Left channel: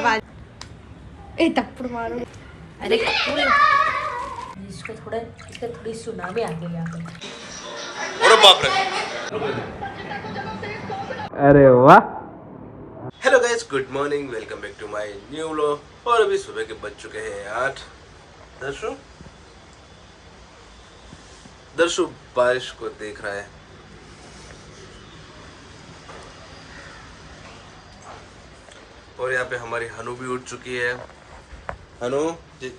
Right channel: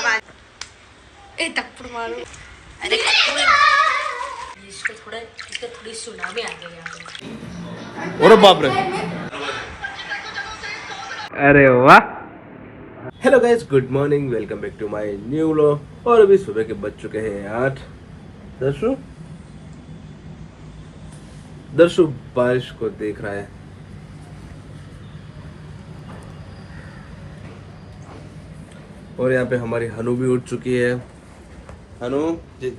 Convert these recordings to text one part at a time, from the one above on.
ए थप्पड़ मारो। अरे इसको थोड़ी सुनामी आ गई यहाँ पे। अरे बाप रे, अरे वाह। Hello guys, good morning, welcome back to my new vlog. और अभी सुबह के बज चुके हैं 8। दर्शु बारिश को देख रहा है। और यहाँ पे हमारी हनु भी उठ चुकी है। हनु जय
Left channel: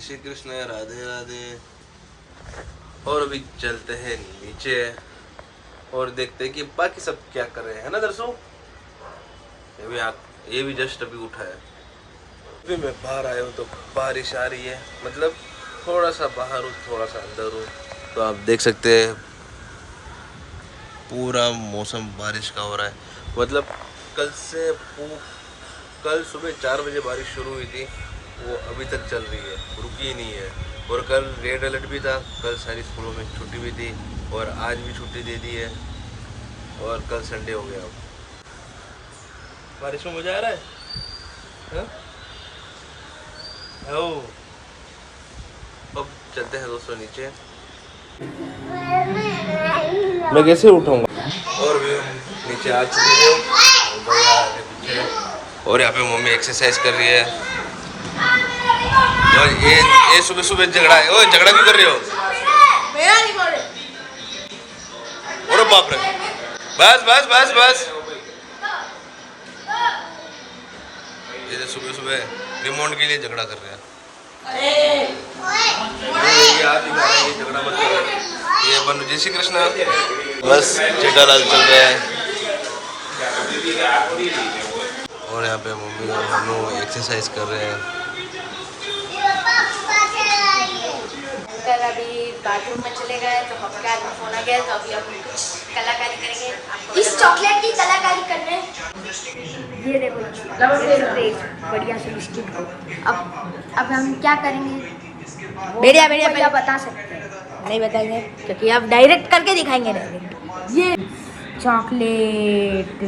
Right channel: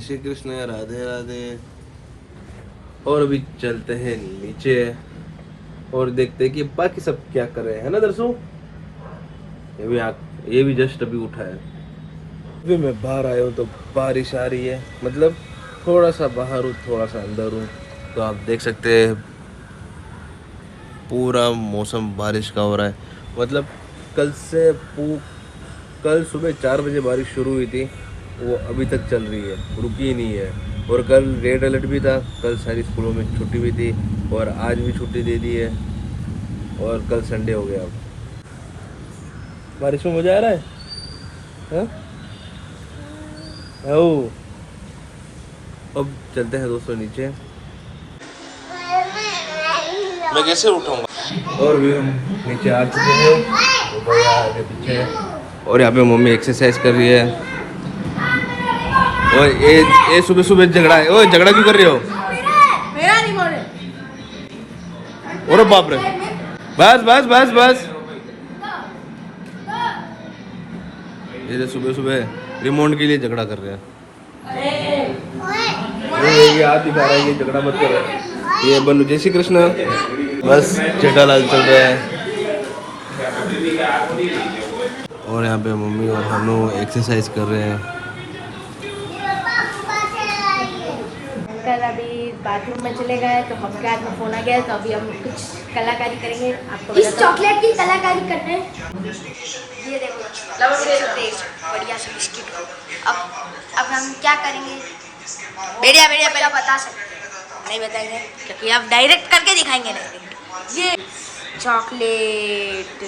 श्री कृष्ण, राधे राधे। और अभी चलते हैं नीचे और देखते हैं कि बाकी सब क्या कर रहे हैं ना दर्शु। ये भी जस्ट अभी उठा है। अभी मैं बाहर आया हूँ तो बारिश आ रही है, मतलब थोड़ा सा बाहर हूँ थोड़ा सा अंदर हूँ, तो आप देख सकते हैं पूरा मौसम बारिश का हो रहा है। मतलब कल सुबह 4 बजे बारिश शुरू हुई थी, वो अभी तक चल रही है, रुकी ही नहीं है। और कल रेड अलर्ट भी था, कल सारी स्कूलों में छुट्टी भी थी और आज भी छुट्टी दे दी है और कल संडे हो गया। अब बारिश में मजा आ रहा है, हाँ? अब चलते हैं दोस्तों नीचे। मैं कैसे उठाऊंगा। और भी हम नीचे आ चुके हैं, भैया आगे पीछे, और यहाँ पे मम्मी एक्सरसाइज कर रही है। और ये सुबह सुबह झगड़ा है। ओए झगड़ा क्यों कर रही हो? अरे बाप रे, बस बस बस बस। ये सुबह सुबह रिमोट के लिए झगड़ा कर रहे हैं। ये हाथ दिखा रहा है कि झगड़ा मत करो। ये बनु जय श्री कृष्ण, बस जेठालाल चल रहा है। और यहाँ पे मम्मी और हनु एक्सरसाइज कर रहे हैं। कल अभी बाथरूम में चले गए तो हम क्या में फोन आ गया, तो अभी हम कुछ कलाकारी करेंगे। आपको इस चॉकलेट की कलाकारी करते हैं। ये देखो बढ़िया से बिस्किट को। अब हम क्या करेंगे? बढ़िया पहले बता सकते हैं? नहीं बताएंगे क्योंकि अब डायरेक्ट करके दिखाएंगे। डायरेक्ट ये चॉकलेट।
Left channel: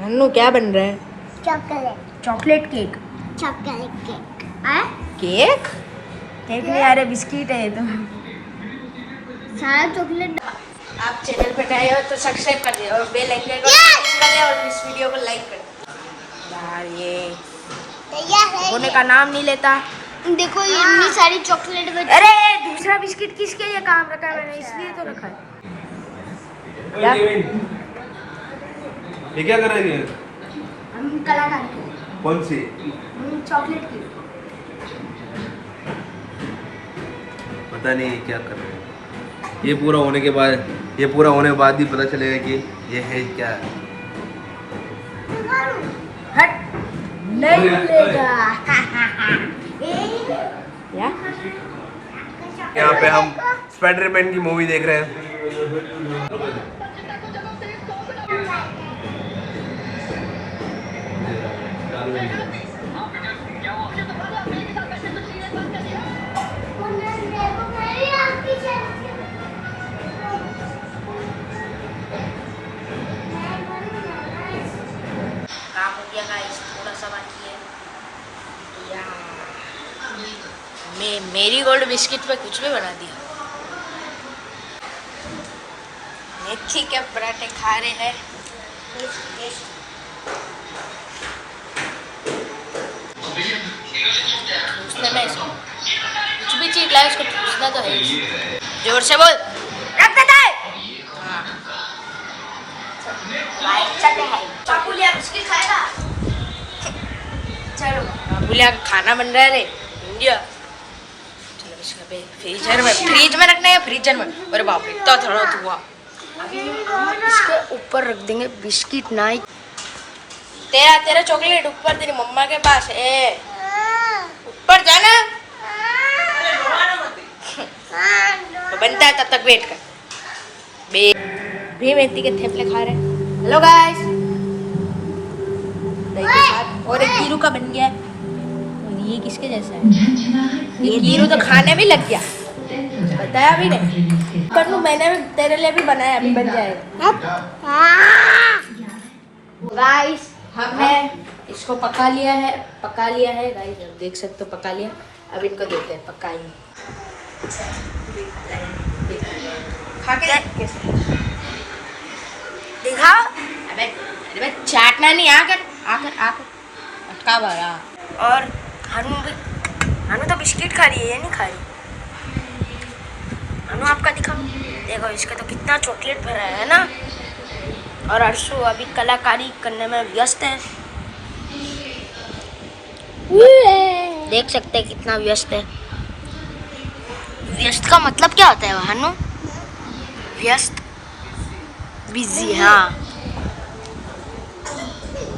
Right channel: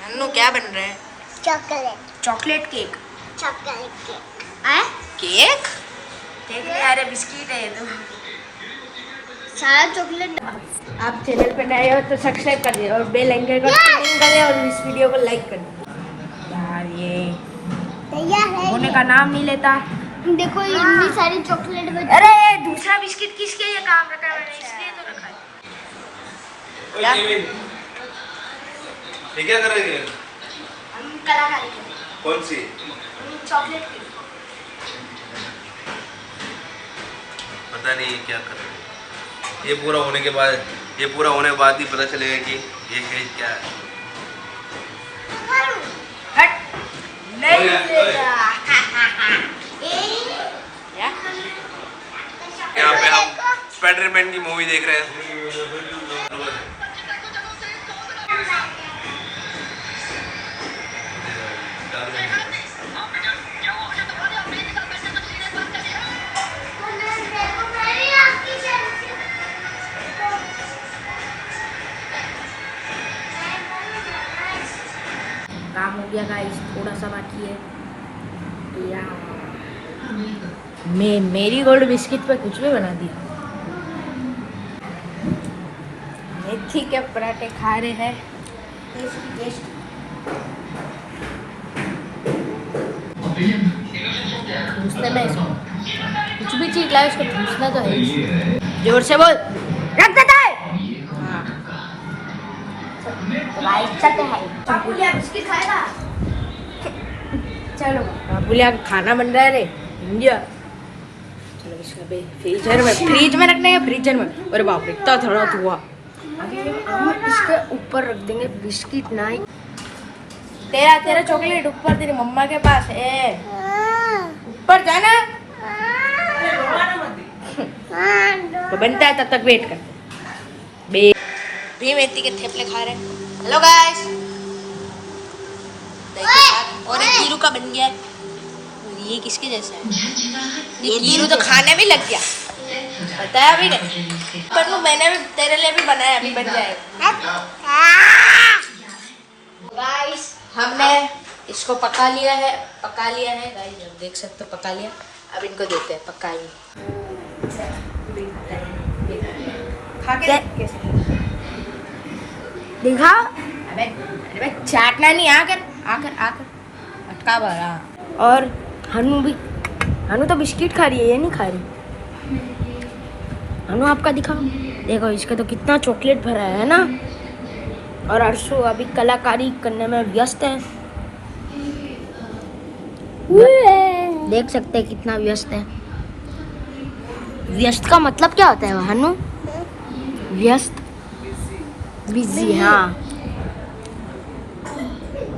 हन्नू क्या बन रहा है? Chocolate cake. केक नहीं, अरे बिस्किट है ये तो। सारा चॉकलेट। आप चैनल पे नए हो तो सब्सक्राइब कर दिए और बेल आइकन को करें और इस वीडियो को लाइक कर दें। यार ये होने का नाम नहीं लेता। देखो ये इतनी सारी चॉकलेट में। अरे दूसरा बिस्किट किसके लिए काम रखा है? इसलिए तो रखा है। ये क्या कर रहे हैं? हम कलाकारी। कौन सी? चॉकलेट की। पता नहीं ये क्या कर रहे हैं। ये पूरा होने के बाद ही पता चलेगा कि ये है क्या है। हट नहीं मिलेगा। क्या? यहाँ पे हम स्पाइडरमैन की मूवी देख रहे हैं। काम हो गया गाइस, थोड़ा सा बाकी है। मेरी गोल्ड बिस्किट पे कुछ भी बना दिया। मेथी के पराठे खा रहे हैं। ठूसने में कुछ भी चीज लाए उसको ठूसना तो है। जोर से बोल, रख देता है। हाँ बिस्किट खाएगा। चलो बाबूलिया का खाना बन रहा है रे इंडिया। चलो इसका फ्रीज में रखना है, फ्रीजर में। अरे बाप रे इतना थोड़ा हुआ। इसके ऊपर रख देंगे बिस्किट। ना तेरा चॉकलेट ऊपर तेरी मम्मा के पास है, ऊपर जाना। तो बनता है तब तक वेट कर। भी मेथी के थेपले खा रहे हैं। हेलो गाइस, दही के साथ। और एक कीरू का बन गया। ये किसके जैसा है? ये कीरू तो खाने भी लग गया, बताया भी नहीं। पर मैंने भी तेरे लिए भी बनाया, अभी बन जाएगा। गाइस हमने इसको पका लिया है गाइस, देख सकते हो पका लिया। अब इनको देते हैं पकाएंगे। देखा अबे चाटना नहीं आकर और हनु तो बिस्किट खा रही है, ये नहीं खा रही। हनु आपका दिखाओ, देखो इसका तो कितना चॉकलेट भरा है ना। और अर्शु अभी कलाकारी करने में व्यस्त है, देख सकते हैं कितना व्यस्त है। व्यस्त का मतलब क्या होता है हनु? व्यस्त, बिजी। हाँ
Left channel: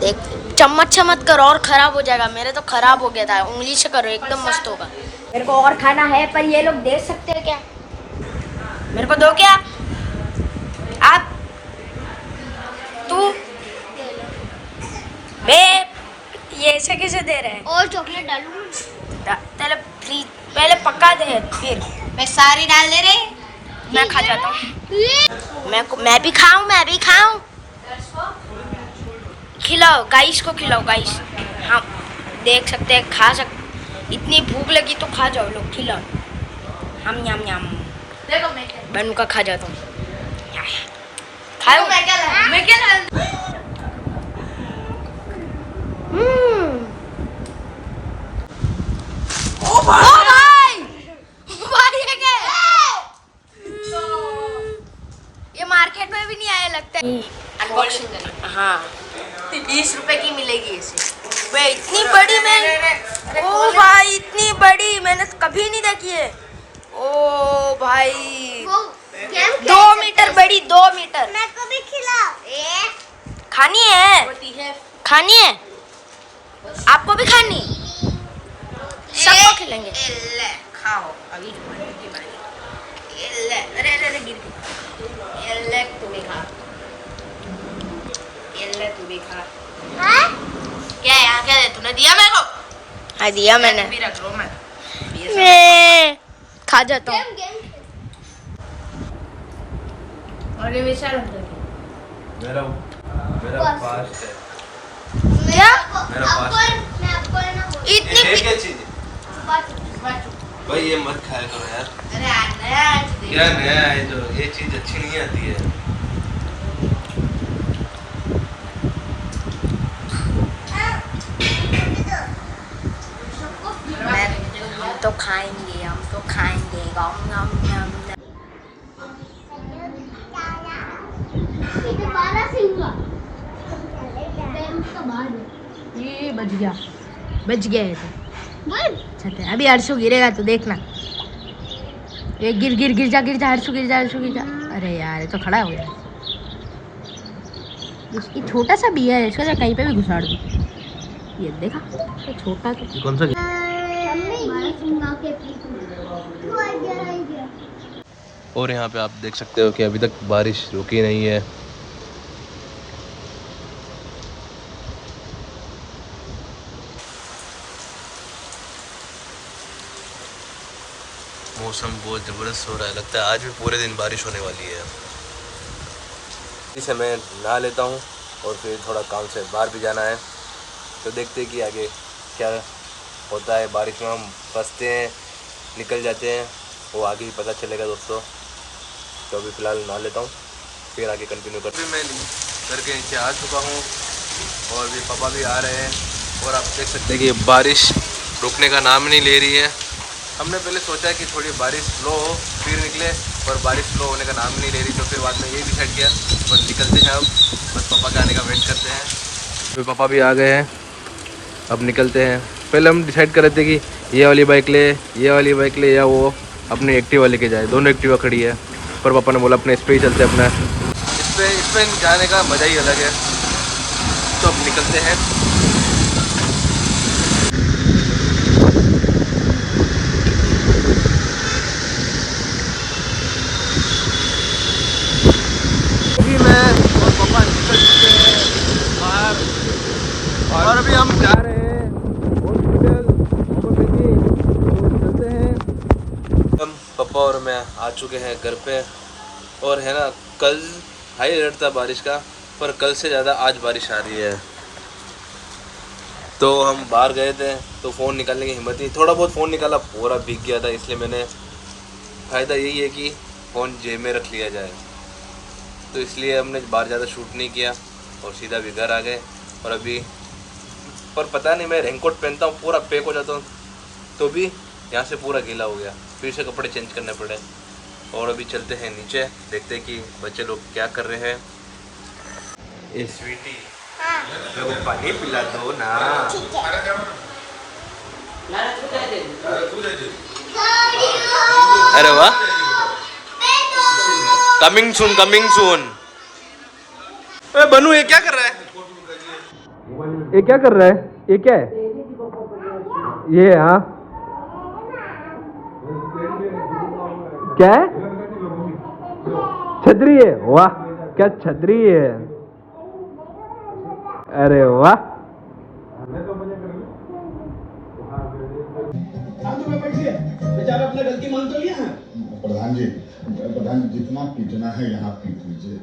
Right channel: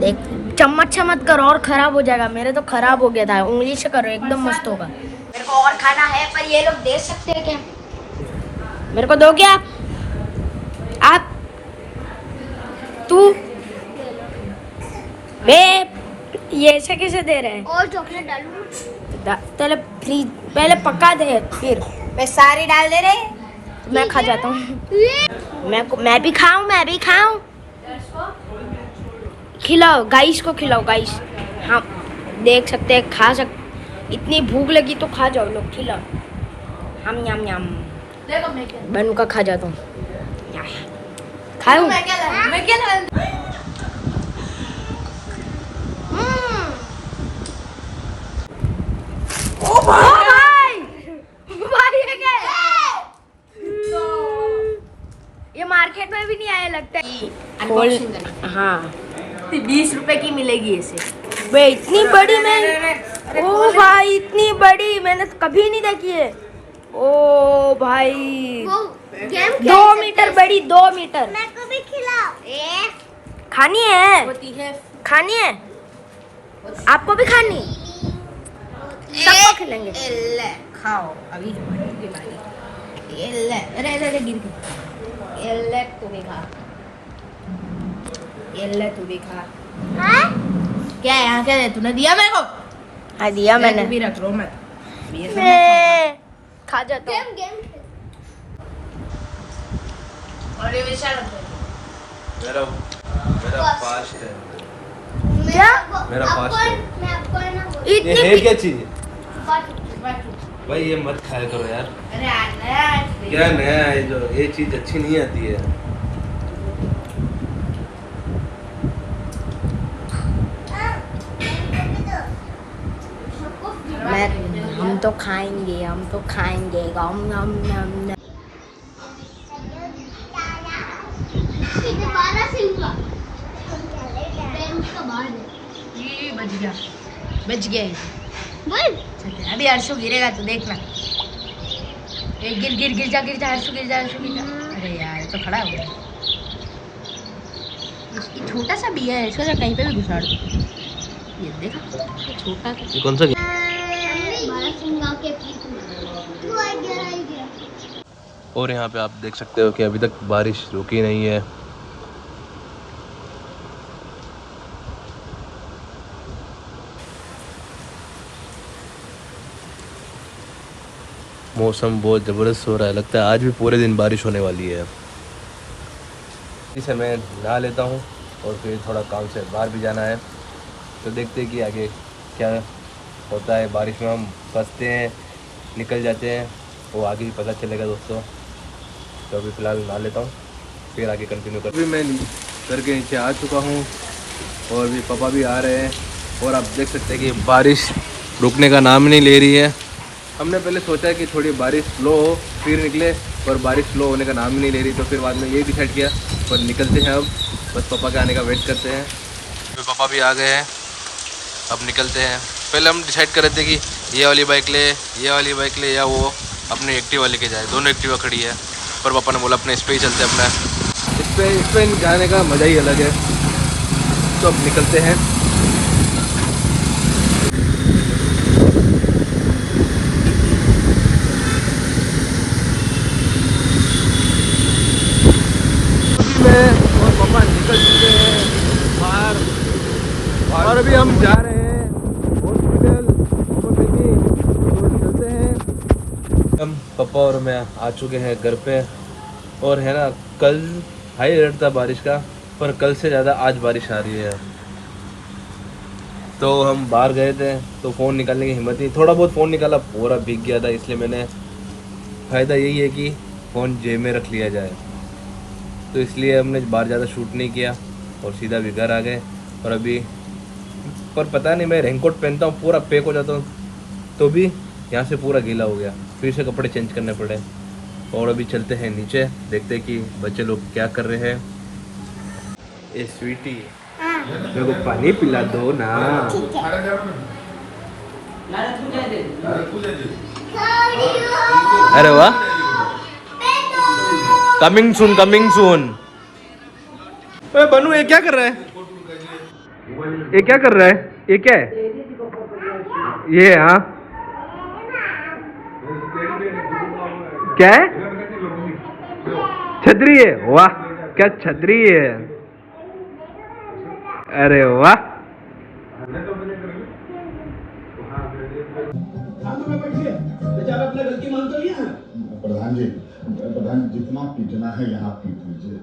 देख, चम्मच मत करो और खराब हो जाएगा। मेरे तो खराब हो गया था, उंगली से करो एकदम मस्त होगा। मेरे को और खाना है, पर ये लोग दे सकते हैं क्या? मेरे को दोगे आप तू बे, ये ऐसे कैसे दे रहे हैं? और चॉकलेट डालूं? पहले पका दे, फिर मैं सारी डाल दे रहे। मैं खा जाता हूँ। मैं भी खाऊं। खिलाओ गाइस को, खिलाओ गाइस। हाँ देख सकते हैं, खा इतनी भूख लगी तो खा जाओ लोग, खिलाओ। हम यम बनू का खा जाता हूँ, खाऊं। ओ भाई ये मार्केट में भी नहीं आया लगता है। हाँ 20 रुपए की मिलेगी ऐसे। बे इतनी बड़ी मैं, ओ भाई इतनी बड़ी मैंने कभी नहीं देखी है। ओ भाई 2 मीटर बड़ी, 2 मीटर। मैं को भी खिला। खानी है आपको भी खानी, सबको खिलाएंगे। खाओ अभी, अरे तू भी खा, तू भी खा। क्या है यहाँ, क्या है? तूने दिया मेरे को? हाँ दिया मैंने। भी रख लो मत, खा जाता हूँ। मेरा फास्ट है। क्या? मेरा फास्ट है। इतनी ये है क्या चीज? भाई ये मत खाया करो यार। क्या नया है जो, ये चीज अच्छी नहीं आती है। हम तो खाएंगे गम। ये बच गया अभी अर्शु गिरेगा तो देखना। ये गिर जा अर्शु गिर जा। अरे यार ये तो खड़ा हो गया। इसकी छोटा सा भी है, इसको कहीं पे भी घुसा दो। ये देखा तो छोटा सा। कौन सा? और यहाँ पे आप देख सकते हो कि अभी तक बारिश रुकी नहीं है। मौसम बहुत ज़बरदस्त हो रहा है, लगता है आज भी पूरे दिन बारिश होने वाली है। इसे मैं नहा लेता हूँ और फिर थोड़ा काम से बाहर भी जाना है, तो देखते हैं कि आगे क्या होता है। बारिश में हम फंसते हैं, निकल जाते हैं, वो आगे ही पता चलेगा दोस्तों। तो अभी फ़िलहाल नहा लेता हूँ, फिर आगे कंटिन्यू कर। अभी मैं घर के नीचे आ चुका हूँ और भी पापा भी आ रहे हैं। और आप देख सकते हैं कि बारिश रुकने का नाम नहीं ले रही है। हमने पहले सोचा कि थोड़ी बारिश स्लो हो फिर निकले, पर बारिश स्लो होने का नाम ही नहीं ले रही। तो फिर बाद में ये डिसाइड किया पर निकलते हैं अब, बस पापा के आने का वेट करते हैं। फिर पापा भी आ गए हैं, अब निकलते हैं। पहले हम डिसाइड कर रहे थे कि ये वाली बाइक ले या वो अपनी एक्टिवा लेके जाए। दोनों एक्टिवा खड़ी है, पर पापा ने बोला अपने इस पर ही चलते, अपना इस पर जाने का मज़ा ही अलग है। तो अब निकलते हैं। और पापा निकल चुके हैं बाहर और अभी हम जा रहे हैं हॉस्पिटल। तो चलते हैं। हम पापा पापा और मैं आ चुके हैं घर पे। और है ना, कल हाई अलर्ट था बारिश का, पर कल से ज़्यादा आज बारिश आ रही है। तो हम बाहर गए थे तो फ़ोन निकालने की हिम्मत नहीं, थोड़ा बहुत फ़ोन निकाला, पूरा भीग गया था। इसलिए मैंने, फ़ायदा यही है कि फ़ोन जेब में रख लिया जाए, तो इसलिए हमने बाहर ज़्यादा शूट नहीं किया और सीधा भी घर आ गए। और अभी पर पता नहीं, मैं रेनकोट पहनता हूँ पूरा पैक हो जाता हूँ, तो भी यहाँ से पूरा गीला हो गया, फिर से कपड़े चेंज करने पड़े। और अभी चलते हैं नीचे, देखते हैं कि बच्चे लोग क्या कर रहे हैं। ए स्वीटी, मेरे को पानी पिला दो ना। अरे वाह, कमिंग सून कमिंग सून। अरे बनू, ये क्या कर रहा है? ये क्या कर रहा है? ये क्या है? ये हाँ क्या है? छतरी है? वाह, क्या छतरी है। अरे वाह, बेचारा अपने गलती मान तो लिया है। प्रधान जी, जितना पीटना है यहाँ पीट लीजिए,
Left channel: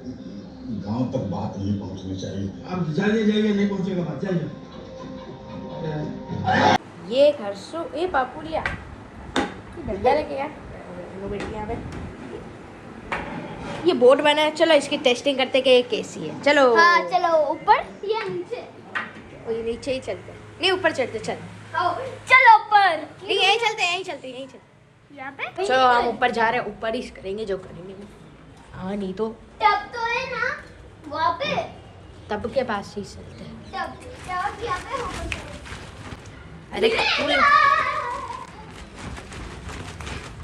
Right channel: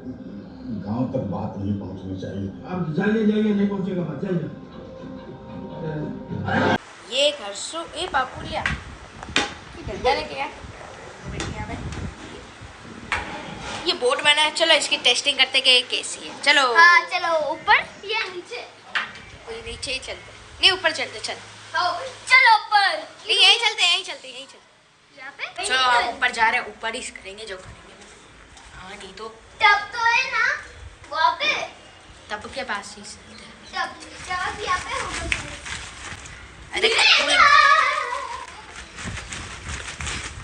गांव तक बात नहीं पहुंचनी चाहिए। अब जाइए नहीं पहुंचेगा बात, जाइए। ये घर सो ए पापुलिया डंडा लेके यार यहाँ पे ये बोर्ड बना है। चलो इसकी टेस्टिंग करते कि ये कैसी है। चलो हाँ चलो, ऊपर या नीचे? ये नीचे ही चलते हैं। नहीं ऊपर चलते, चल चलो ऊपर। नहीं यहीं चलते यहीं चलते यहीं चलते। यहाँ पे? चलो हम ऊपर जा रहे हैं, ऊपर ही करेंगे जो करेंगे। हाँ नहीं तो टब तो है ना वहाँ पे? तब के पास ही चलते हैं। टब यहाँ पे होगा। अरे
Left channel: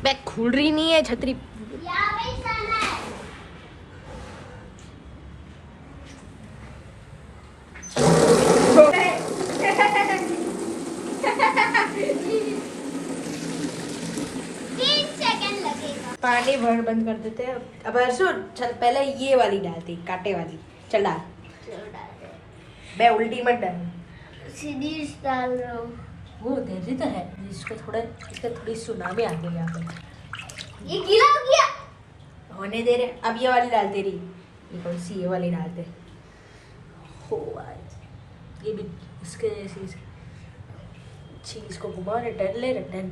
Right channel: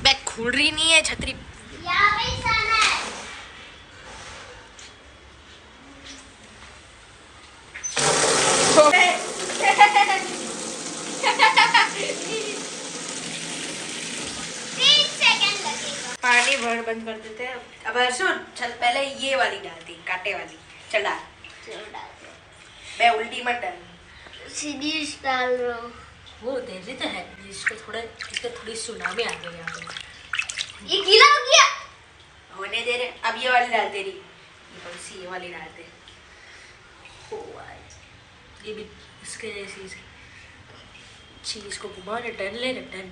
बैग खुल रही नहीं है छतरी। यहाँ पे ही जाना है। पानी भर बंद कर देते हैं। अब सुन, चल पहले ये वाली डालती, कांटे वाली। चल डाल, मैं उल्टी मत डाल। सीधी डाल रहा हूँ। वो दे दी तो है, इसको थोड़ा, इसका थोड़ी सुनामी आ गई यहाँ पे। ये गीला हो गया। होने दे रहे, अब ये वाली डालते रही। ये कौन सी, ये वाली डालते। हो ये भी इसके जैसी चीज को घुमा रहे, टर्न ले रहे, टर्न।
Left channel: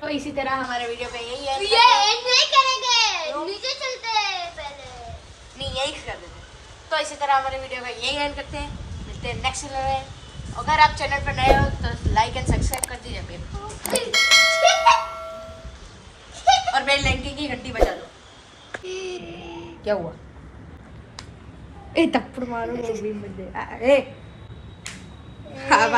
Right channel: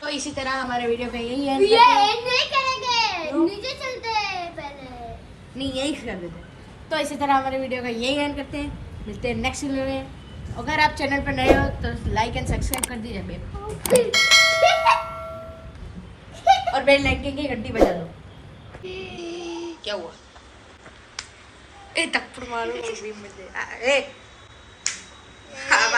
तो इसी तरह हमारे वीडियो पे यही है। ये नहीं करेंगे, नीचे चलते हैं पहले। नहीं यही कर देते। तो इसी तरह हमारे वीडियो का यही एंड करते हैं। मिलते हैं नेक्स्ट वीडियो में। अगर आप चैनल पर नए हो तो लाइक एंड सब्सक्राइब कर दीजिए बेब। और बेल लाइकन की घंटी बजा दो। क्या हुआ? ए थप्पड़ मारो भी मुझे। ए आवाज